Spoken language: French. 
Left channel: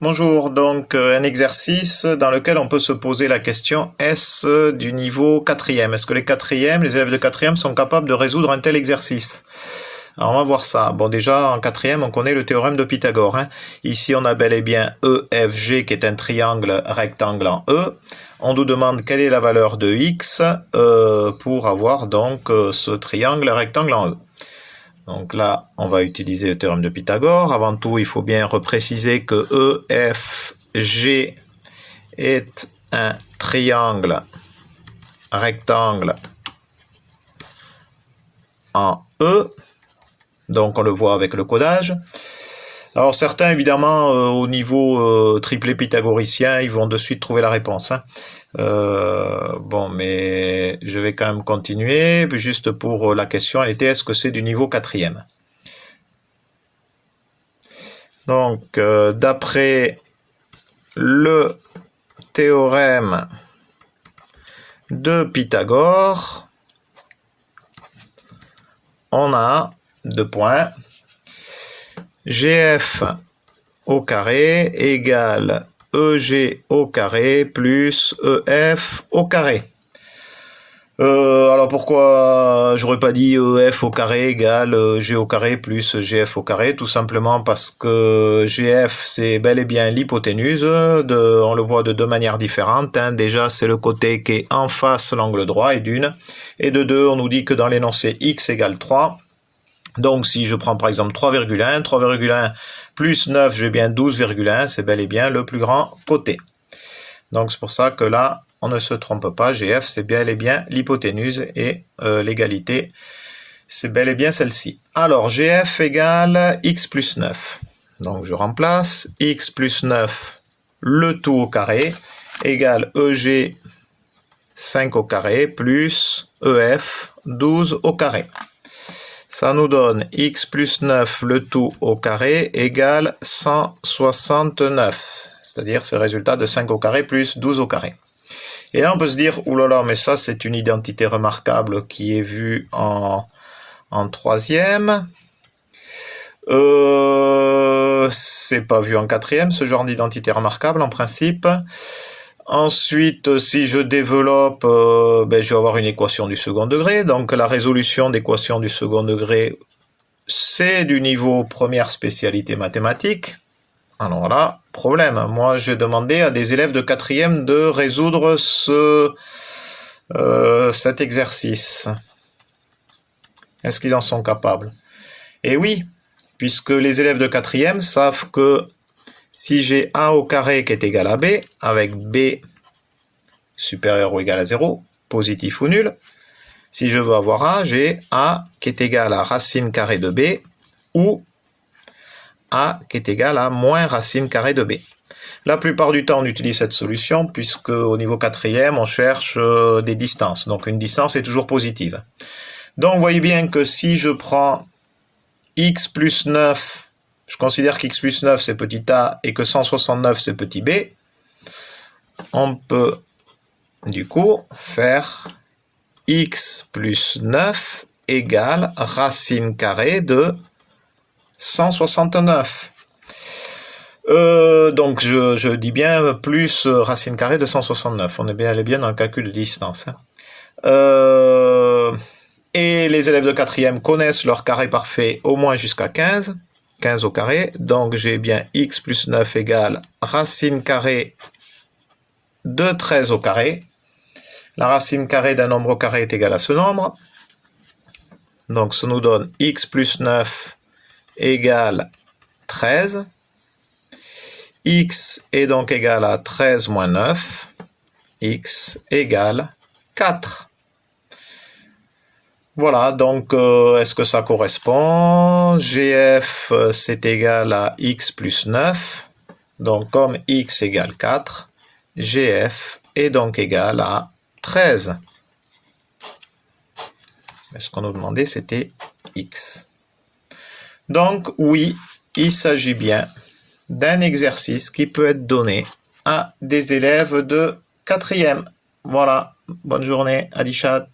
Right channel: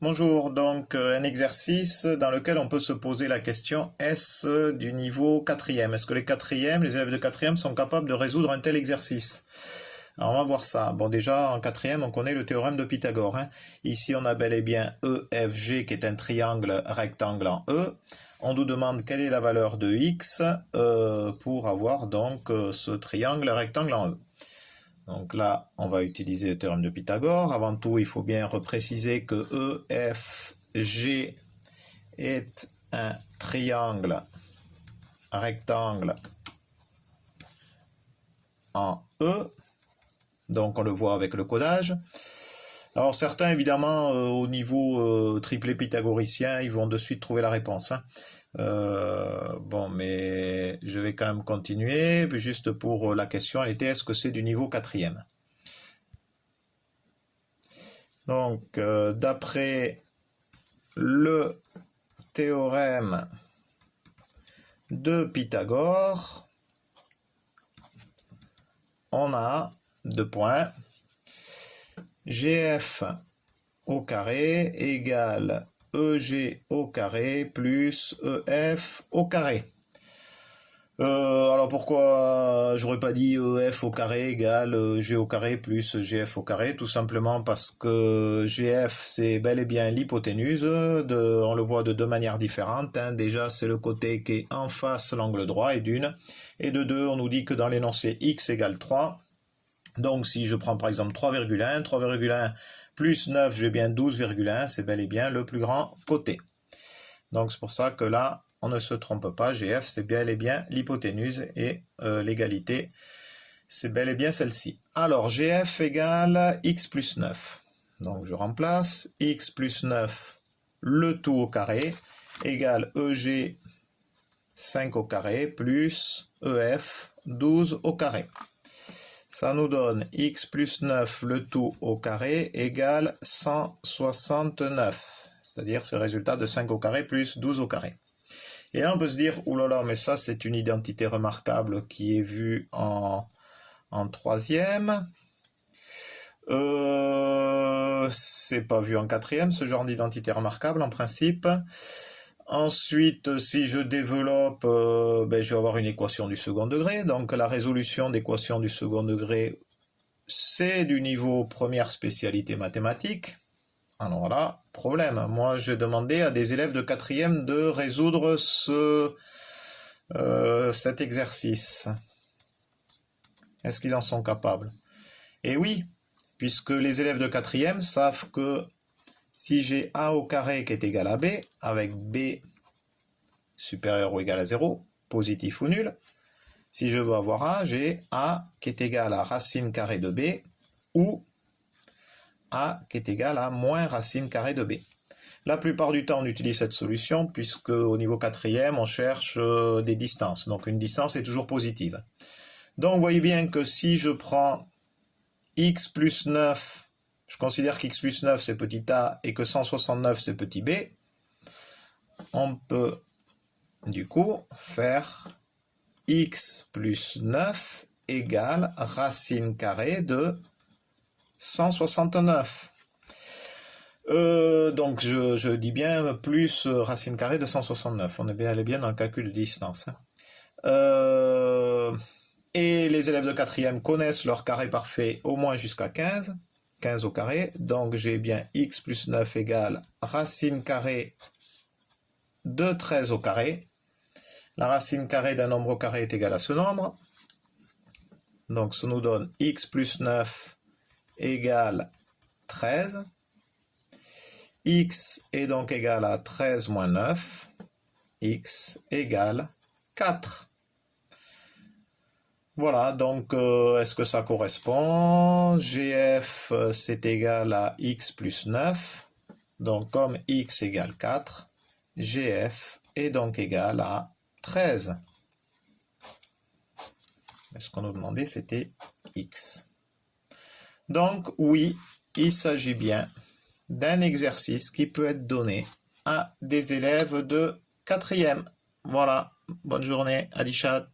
Bonjour, donc un exercice dans lequel on peut se poser la question, est-ce du niveau quatrième? Est-ce que les élèves de quatrième sont capables de résoudre un tel exercice? Alors on va voir ça. Bon, déjà en quatrième, on connaît le théorème de Pythagore, hein. Ici, on a bel et bien EFG qui est un triangle rectangle en E. On nous demande quelle est la valeur de x pour avoir donc ce triangle rectangle en E. Donc là, on va utiliser le théorème de Pythagore. Avant tout, il faut bien repréciser que EFG est un triangle rectangle en E. Donc on le voit avec le codage. Alors certains, évidemment, au niveau triplet pythagoricien, ils vont de suite trouver la réponse, hein. Bon, mais je vais quand même continuer, juste pour la question, elle était, est-ce que c'est du niveau quatrième? Donc, d'après le théorème de Pythagore, on a deux points. GF au carré égale EG au carré plus EF au carré. Alors pourquoi j'aurais pas dit EF au carré égale G au carré plus GF au carré? Tout simplement parce que GF c'est bel et bien l'hypoténuse, on le voit de deux manières différentes, hein. Déjà c'est le côté qui est en face l'angle droit et d'une, et de deux on nous dit que dans l'énoncé x égale 3. Donc si je prends par exemple 3,1 plus 9, j'ai bien 12,1, c'est bel et bien le plus grand côté. Donc c'est pour ça que là, on ne se trompe pas, GF c'est bel et bien l'hypoténuse et l'égalité, c'est bel et bien celle-ci. Alors GF égale x plus 9. Donc je remplace x plus 9, le tout au carré, égale EG 5 au carré plus EF 12 au carré. Ça nous donne x plus 9, le tout au carré, égale 169. C'est-à-dire c'est le résultat de 5 au carré plus 12 au carré. Et là on peut se dire, oulala, mais ça c'est une identité remarquable qui est vue en troisième. C'est pas vu en quatrième, ce genre d'identité remarquable en principe. Ensuite, si je développe, je vais avoir une équation du second degré. Donc la résolution d'équation du second degré, c'est du niveau première spécialité mathématique. Alors là, problème. Moi, j'ai demandé à des élèves de quatrième de résoudre cet exercice. Est-ce qu'ils en sont capables? Et oui, puisque les élèves de quatrième savent que si j'ai A au carré qui est égal à B, avec B supérieur ou égal à 0, positif ou nul, si je veux avoir A, j'ai A qui est égal à racine carrée de B, ou A qui est égal à moins racine carrée de B. La plupart du temps, on utilise cette solution, puisque au niveau quatrième, on cherche des distances. Donc une distance est toujours positive. Donc vous voyez bien que si je prends x plus 9, je considère qu'x plus 9 c'est petit a et que 169 c'est petit b, on peut du coup faire x plus 9 égale racine carrée de 169. Donc je dis bien plus racine carrée de 169, on est bien dans le calcul de distance, hein. Et les élèves de quatrième connaissent leur carré parfait au moins jusqu'à 15 au carré, donc j'ai bien x plus 9 égale racine carrée de 13 au carré. La racine carrée d'un nombre au carré est égale à ce nombre, donc ça nous donne x plus 9 égale 13. X est donc égal à 13 moins 9, x égale 4. Voilà, donc est-ce que ça correspond? GF c'est égal à x plus 9, donc comme x égale 4, GF est donc égal à 13. Mais ce qu'on nous demandait c'était x. Donc oui, il s'agit bien d'un exercice qui peut être donné à des élèves de quatrième. Voilà, bonne journée, Adichat.